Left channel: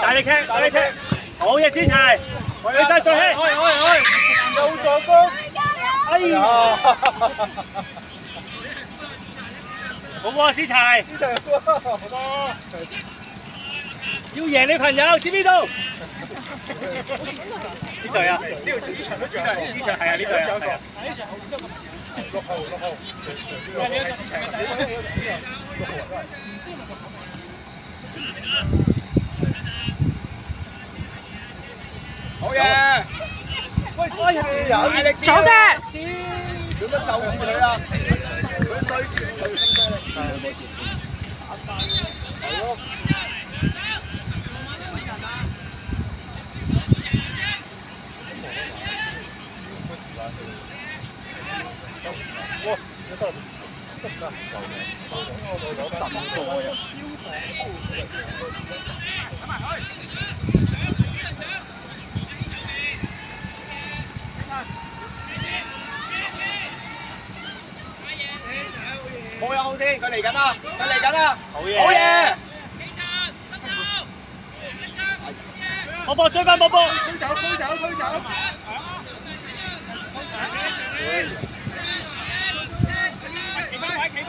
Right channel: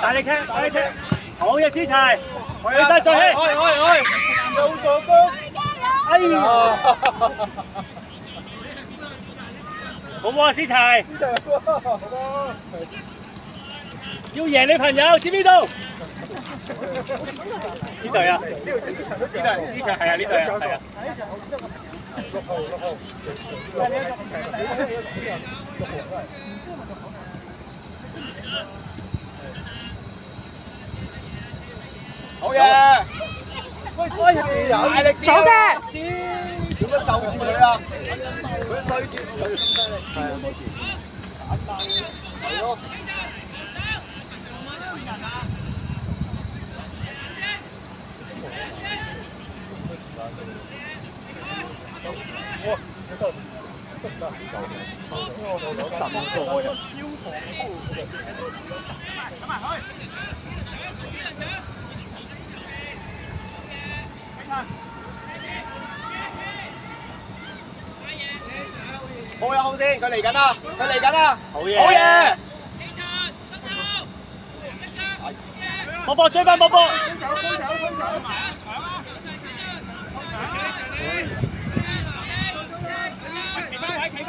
大力踢，大力踢，好嘢，子齊，起晒上氣，又助攻，哎呀，好喎，子齊，好要贏你朋友，知邊度？呢隊啊，呢場係啊，呢隊啊，6號，好嘢！喂，左腳。點樣就住佢啊？佢對住佢。哇！得唔得？夠嘅，我兩10個呀。好呀，好先，佢嚟緊啦，佢嚟緊啦，好嘢，好嘢！波波追翻波波，推走！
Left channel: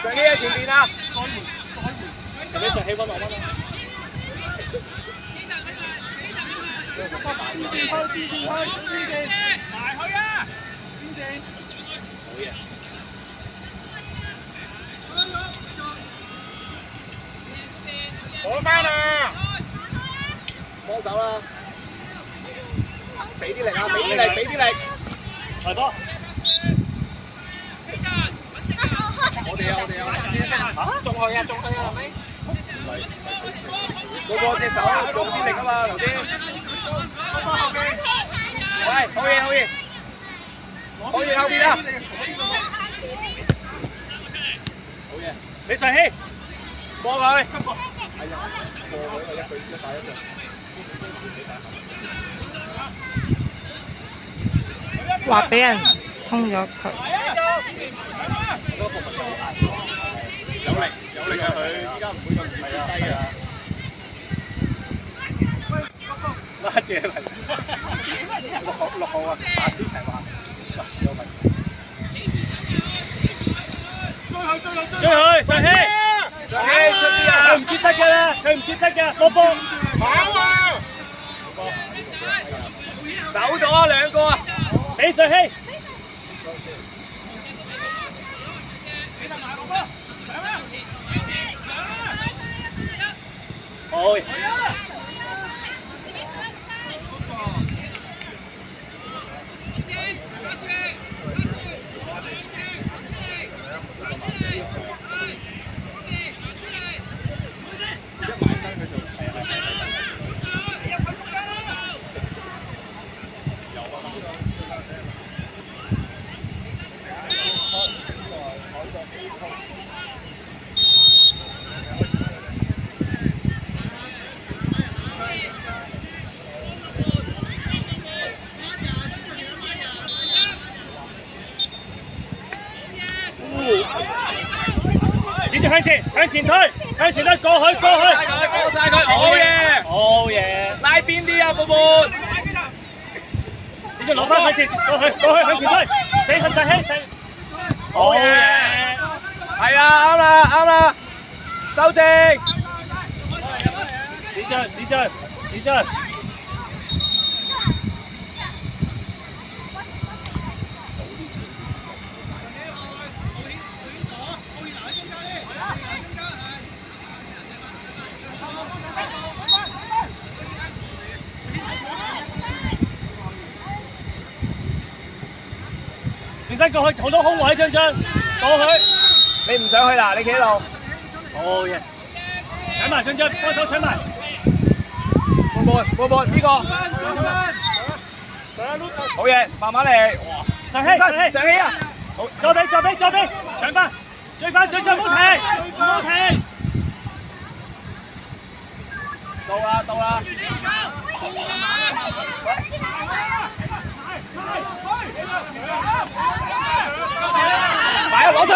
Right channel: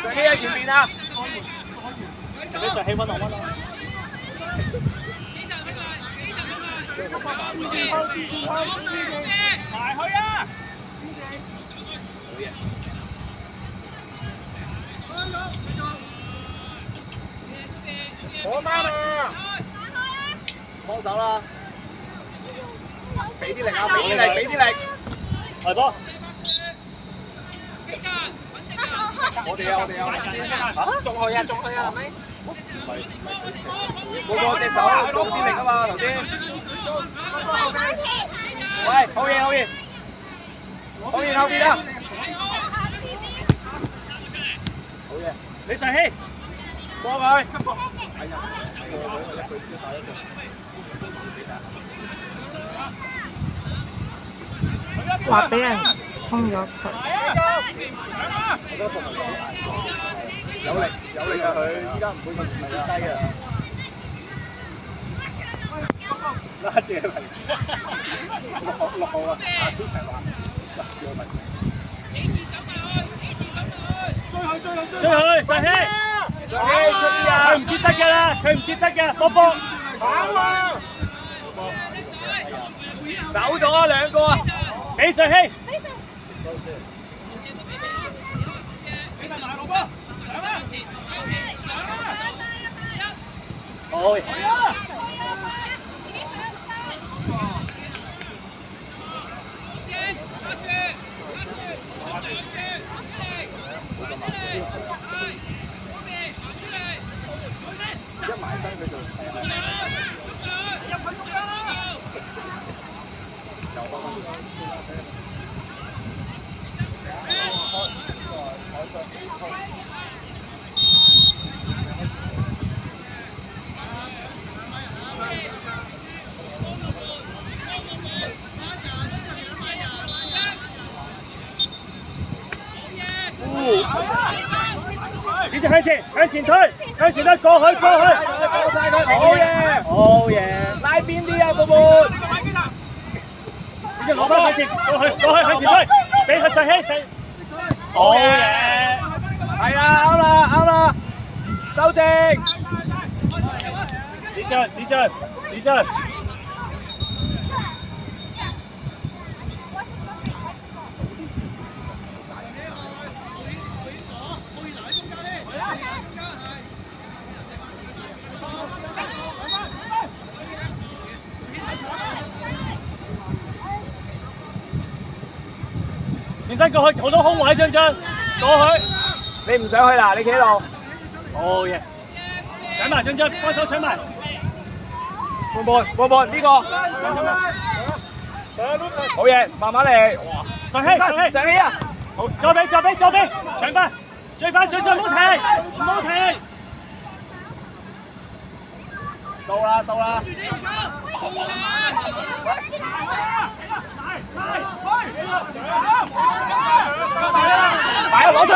仲要喺前面啊！俾上氣温啊！我翻啊！幫手啦！俾啲力啊！俾啲力！來波！我哋啊！仲去啊！係咪？個隻手用啲力啊嘛，頭先。喂，好嘢！後邊啊！好嘢！你上氣，過佢。話俾人通咗佢。我覺得服務好硬喎，有力啊佢，依家唔會咁低啊！拉住嚟，6號啊，打思齊話，嗱有問題。追佢上氣，上氣出啲啊！佢唔接得嘅啦，佢唔接得嘅，波波。跑啦！走咗兩個啊！俾上氣。好。繼續向前推，過去，過晒佢，好嘢！拉邊啲啊，寶寶！繼續攞翻向前，過去向前推，俾佢上氣，好嘢！係啦，啱啦，收正！子俊。轉身過去，好多空位，張過去。你唔上去啦，你企喺度。好嘢！搶埋張，幫手搶埋。過半呢個。好嘢，慢慢嚟。上氣啊！好，左臂，搶翻，追翻，唔好停。到啦！擺攞晒，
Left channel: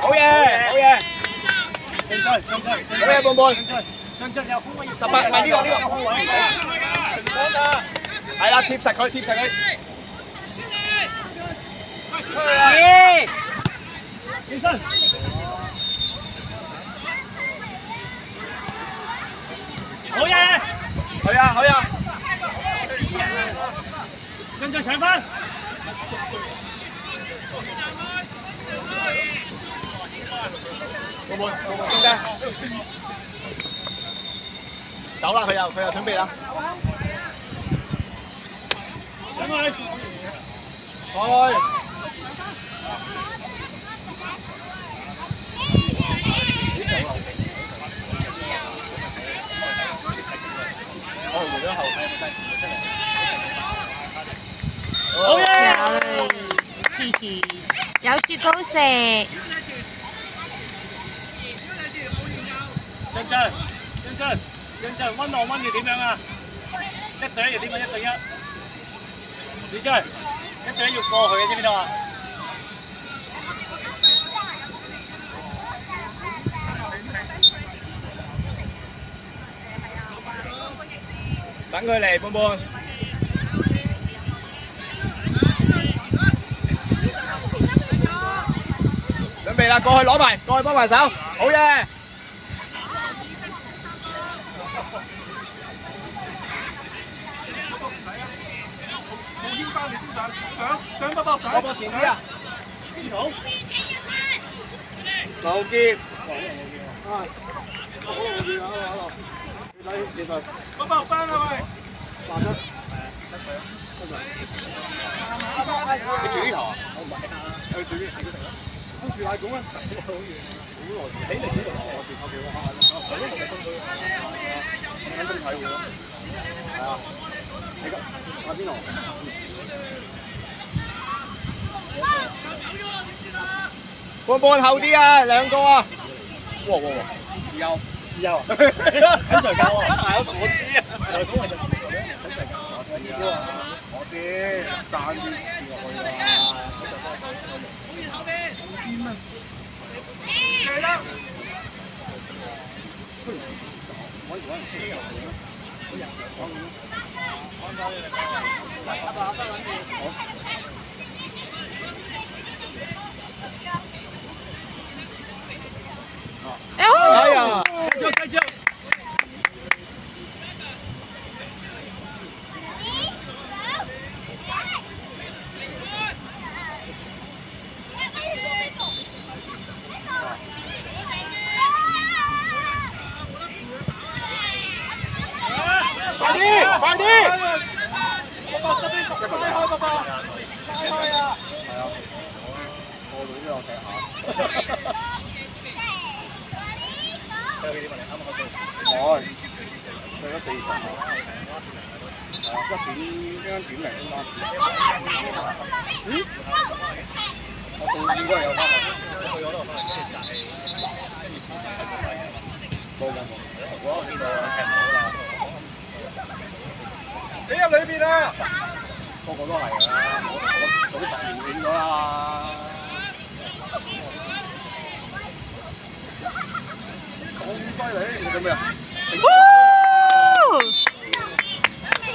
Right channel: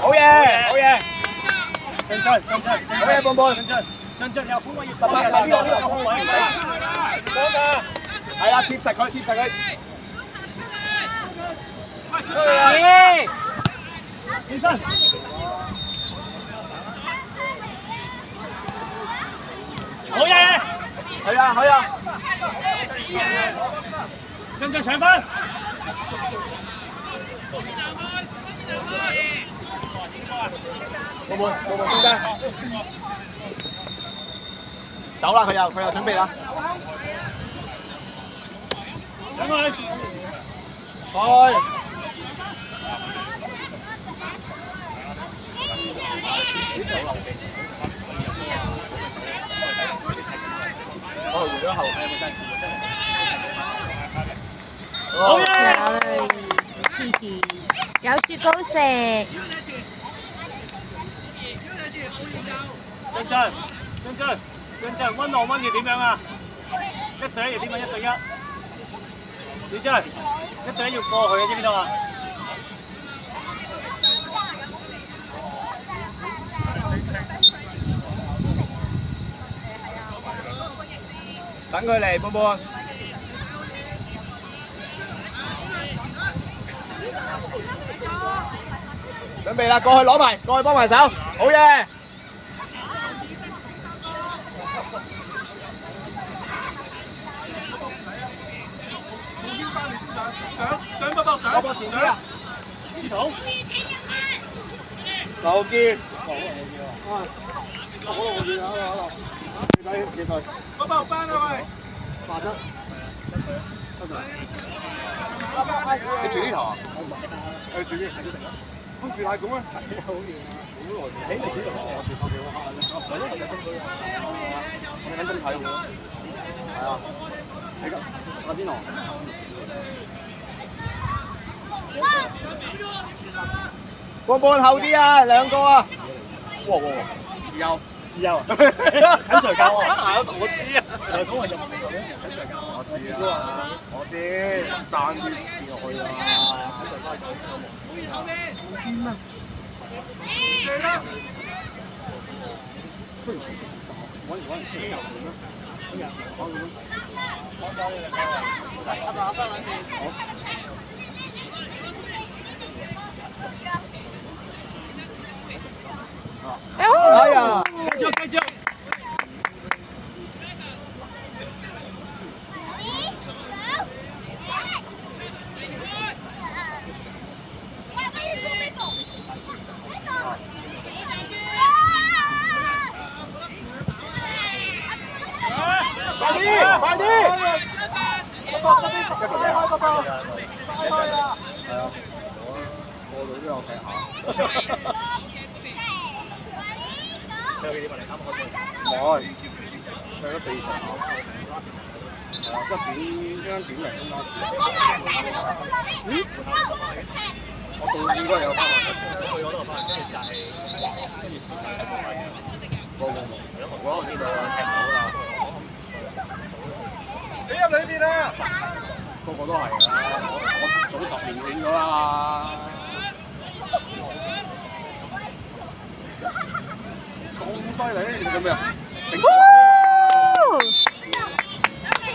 好嘢，進，好嘢，半半。進有空位18係呢個空位，係啦，貼實佢。起身。好嘢！係啊，進搶分。半中間。走啦，佢又準備啦。上去。開。好嘢！有嘞，嘻嘻，有雪糕食。進，溫浪溫要點樣啊？1對1要點樣？1對1。小張，1對1要過去嘅，知唔知道啊？等佢嚟，半半。準備啦，過去攞埋，過去幫埋手，好嘅。上波波手，波波前啲啊！好。劉健，波波翻啊喂！你住呢頭啊？我唔係，你住呢頭？好似係咁啊！好遠啊！你嚟呢度啊？我住後邊啊！係呢度咪東區啊？我喺中睇會咯。啊！你咁，我邊度？半半後啲啊，兩個啊！哇！自由啊！陳 Sir 教啊！係啊，我知啊。誒，嗰個就陳 Sir 教。我知，爭啲跌落去啊！哎呀！繼續。快啲！你入裏邊啊！個個都係㗎啦，我早10年領咗啦。咁犀利，你做咩啊？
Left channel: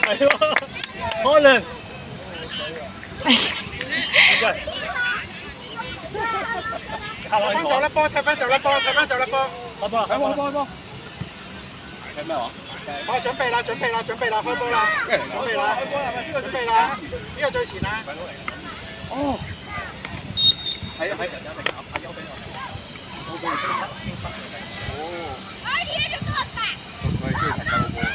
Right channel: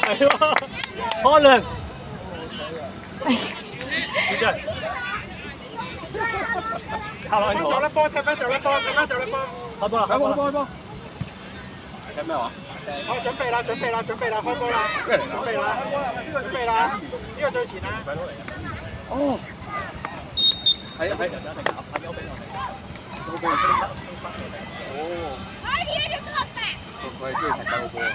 係喎，開亮。走啦波，踢翻走啦波，開波啦！開波！睇咩話？我準備啦，開波啦！準備啦，呢個最前啦。哦，係啊，哦，我係中意睇細路波啊！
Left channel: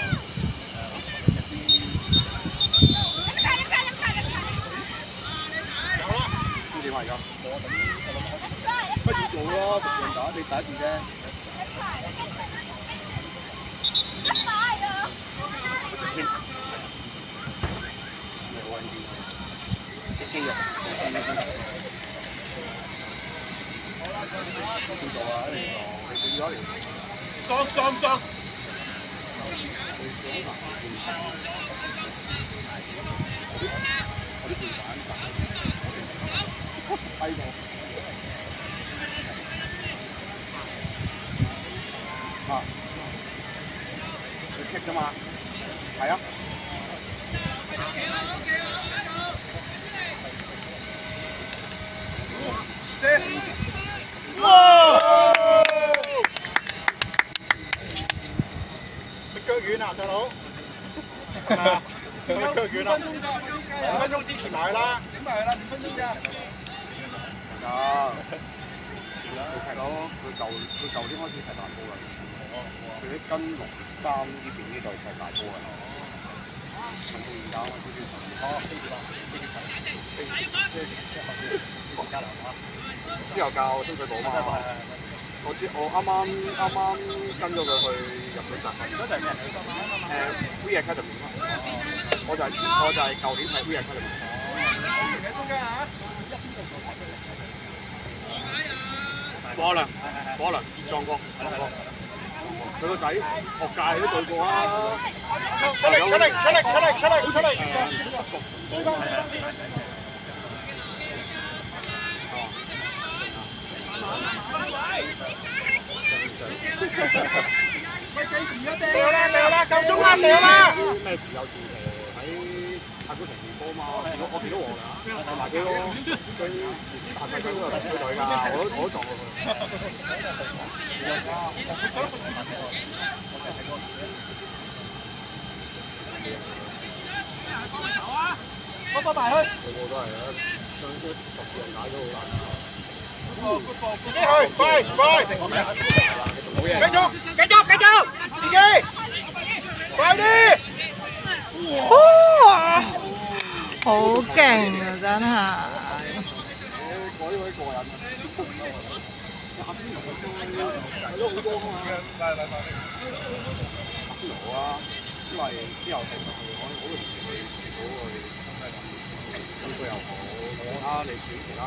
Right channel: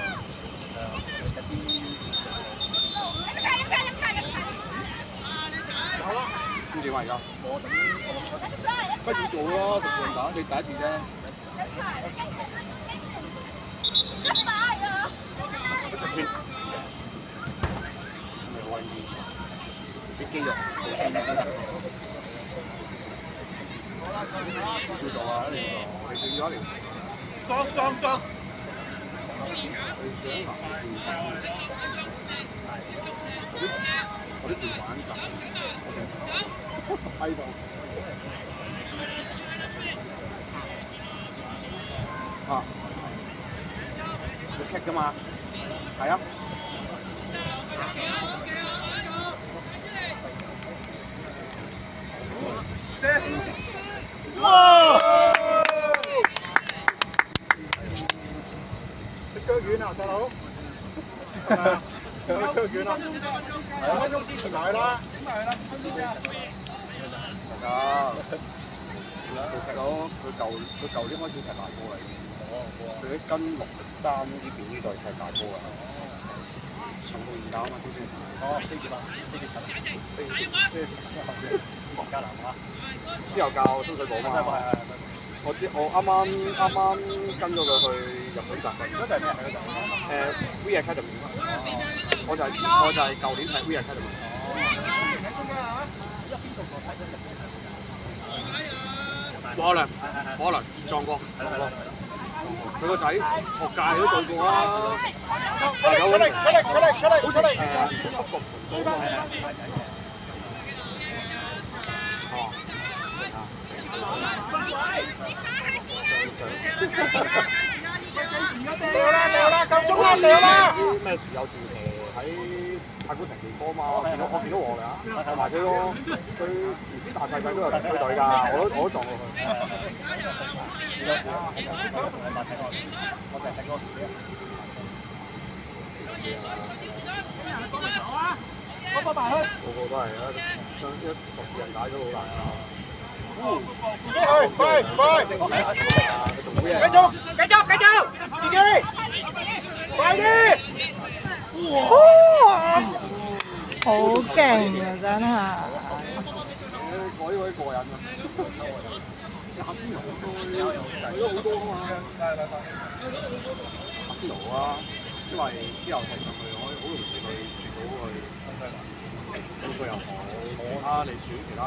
好啦，咁點啊而家？不如做咯，逐樣打，你第一次啫。啲肌肉，叫做啊，你要一條，裝，啲條板低到。啊！佢棘㗎嘛？係啊。哇！你腳軟啊，細佬？係咪啊？你腳軟啊？5分鐘之前埋啦。點埋啦？5分鐘啫。啊！佢踢到佢舊年開始踢大波嚟，佢啲跟63呢邊呢度踢大波嘅，重到而家嘛，呢啲之後教深水埗嘛，我啱啱跟咗佢去日本集，V Academy 我就係舊年睇 V Academy。喺中間啊！可能撞過，佢個仔學界都做過啊！出嚟！北角盤高啊！掉啦！夠鐘啦！掉啦！咩自由自騎喺太古城練波嘛？我見到我㗎，我埋飛咯。佢大細仔都有隊㗎，我都撞過佢。個個都係啊！將啲熟人解都好難啊！自己去，快！繼續，自己快啲！哇！好勁啊，真係。我呢位過癮啊！阿仙奴都好多啊！阿仙奴啊，因為之後踢上去，我好容易去接到佢，咁佢又好啊，你少其他。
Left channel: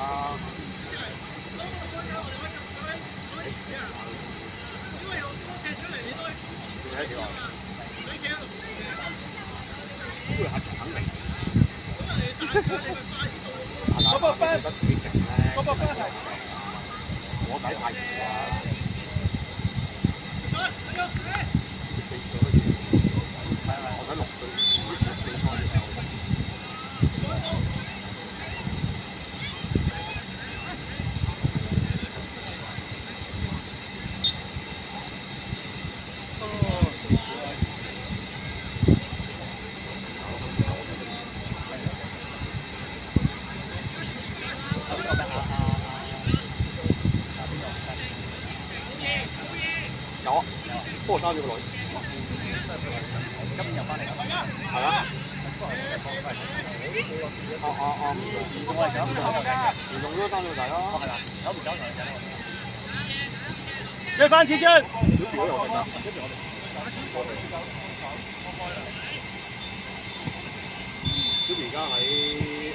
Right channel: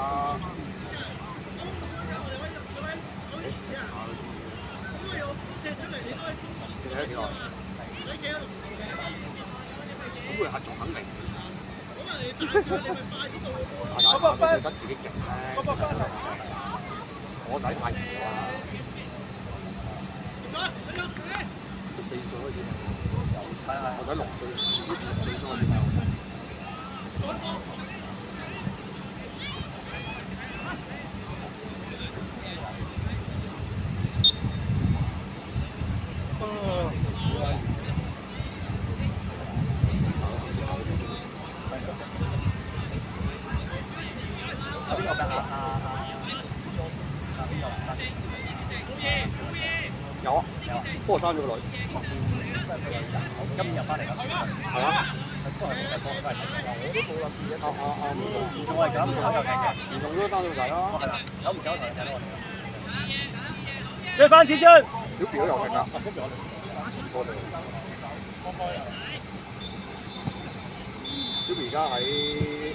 你睇幾耐？咁佢係仲肯定。覺得自己勁咧，我底太遲啦。4歲都已經，我仔6歲，有啊，不過生咗個女。今日翻嚟㗎。係啊。我都冇諗住嚴重係咁，嚴重又係㗎。嚴重都生咗仔啦。久唔久就生咗。追翻前進。小條都有㗎，跟住我哋。小條而家喺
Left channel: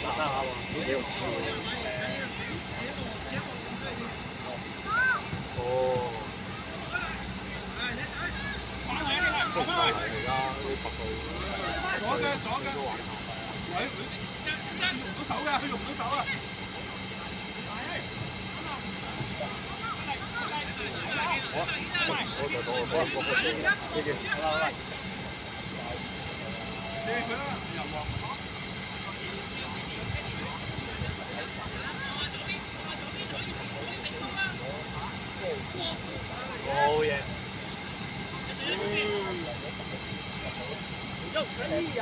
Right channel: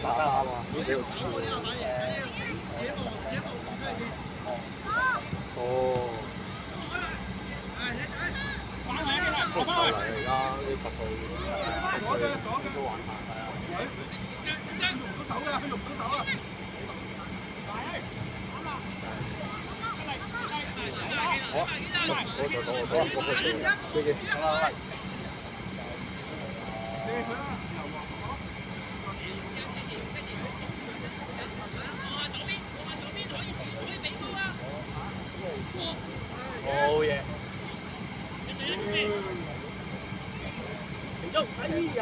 打沙嘛，都幾好笑。哦。都唔夠嚟而家呢10歲。左腳。手㗎，佢用手啊！好嘢！哎呀！